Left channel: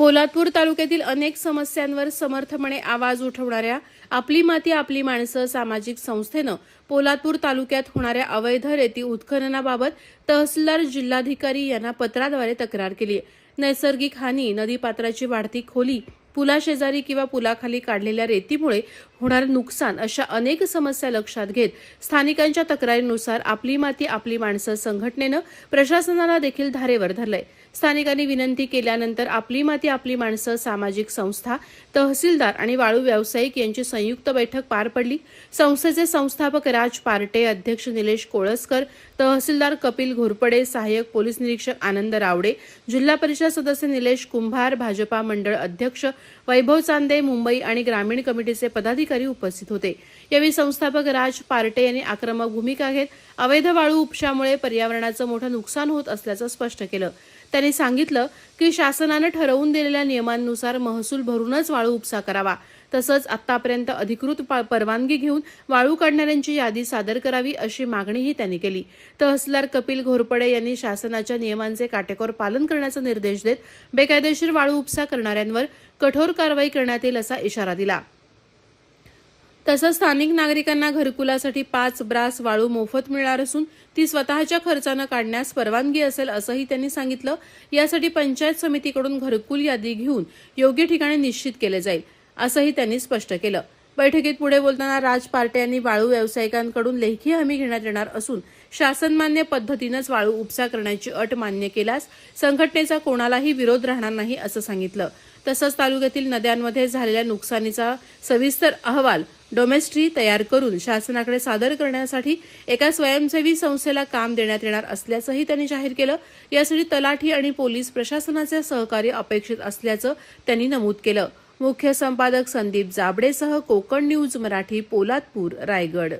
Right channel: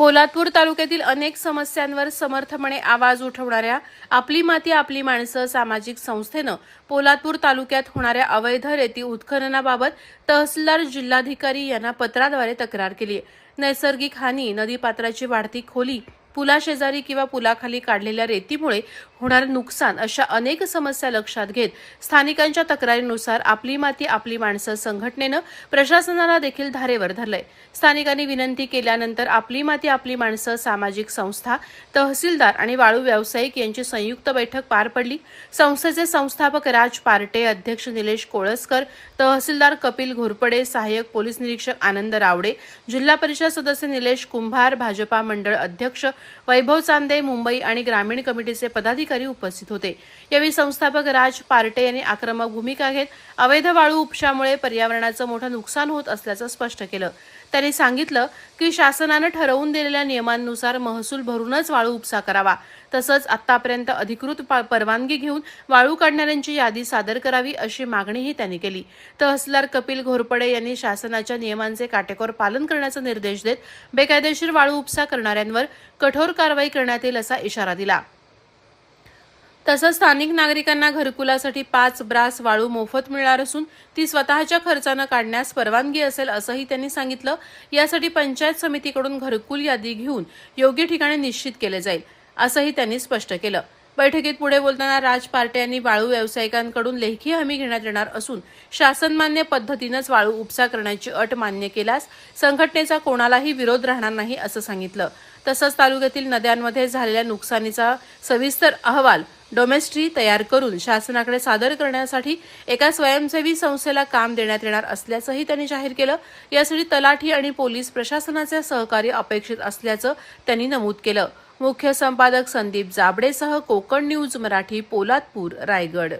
पोलादपूर तालुक्यातील अनेक समस्यांवर समर्थपणे आवाज उठवणाऱ्या आपली माती आपली माणसं सामाजिक संस्थेनं पोलादपूर तालुक्यात होणाऱ्या अवैध रेती उत्खननाबाबत तहसीलदार जिल्हाधिकारी यांना पत्राद्वारे तक्रार केली आहे. नैसर्गिक हानी, नदीपात्राची वाढती खोली, पुलाशेजारी किंवा पुलाखाली काढलेल्या रेतीमुळे होणारे नुकसान अशा अनेक समस्या लक्षात घेत स्थानिकांच्या तक्रारीनुसार आपली माती आपली माणसं संघटनेनं प्रशासनाला देखील धारेवर धरलंय. स्थानिकांनी विनंती केल्यानंतर आपली माती आपली माणसं सामाजिक संस्था, तहसीलदार आणि वाळू व्यावसायिक यांची संयुक्त बैठक पार पडली. संस्थेचे संस्थापक राज पार्टे, अध्यक्ष निलेश कोळसकर, तहसीलदार कपिल घोरपडे, सहाय्यक पोलीस निरीक्षक आनंद रावडे, जिल्हा परिषद सदस्य निलेश कुंभार, भाजपा मंडळ अध्यक्ष वैभव चांदे, मुंबई आणि ग्रामीण कमिटीचे पदाधिकारी उपस्थित होते. यावेळी संस्थापक राज पार्टे यांनी आक्रमक भूमिका घेत अवैध वाळू उपशामुळे पर्यावरणाचं मोठं नुकसान होत असल्याचं स्पष्ट केलं. त्यांनी सांगितलं की शासनानं ठरवून दिलेल्या नियमांनुसार महसूल भरूनच वाळू उपसा करावा. तसंच आतापर्यंत अधिकृत परवानगी घेऊन वाळू काढणाऱ्यांची यादी सादर करावी अशी मागणीही त्यांनी केली. तहसीलदार कपिल घोरपडे यांनी शासनाच्या नियमांचे काटेकोर पालन करण्याचे निर्देश देत बेकायदेशीर वाळू उपसा करणाऱ्यांवर कठोर कारवाई करण्यात येईल असा इशारा दिला. तसंच स्थानिक नागरिकांना घरकुलासाठी 5 ब्रास वाळू मोफत मिळणार असून ती स्वतःच्या खर्चानं काढण्यास परवानगी असेल असंही त्यांनी सांगितलं. यासाठी पंचायत समितीकडून घरकुल यादी घेऊन योग्य ठिकाणी निश्चित केले जाईल असंही त्यांनी स्पष्ट केलं. बैठकीत पुढे बोलताना राज पार्टे यांनी वाळू व्यावसायिकांकडून लेखी हमी घेण्यात येणार असून शासनमान्य पद्धतीनंच वाळू उपसा करण्याची अट मान्य केल्यास संघटनेचा कोणालाही विरोध राहणार नाही असं सांगितलं. तसंच तालुक्यातील नद्यांमध्ये झालेल्या नुकसानीचा सविस्तर अहवाल डोमेस्ट्री तयार करून शासनाकडे सादर करण्यासाठी एका स्वयंसेवी संस्थेला काम देण्यात येणार असल्याचंही त्यांनी जाहीर केलं. यासाठी तलाठी आणि पोलीस प्रशासनाचे सहकार्य अपेक्षित असल्याचं त्यांनी नमूद केलं. मुख्य संपादक संदीप जाबडेसह कोकण न्यूज मराठी, पोलादपूर, रायगड.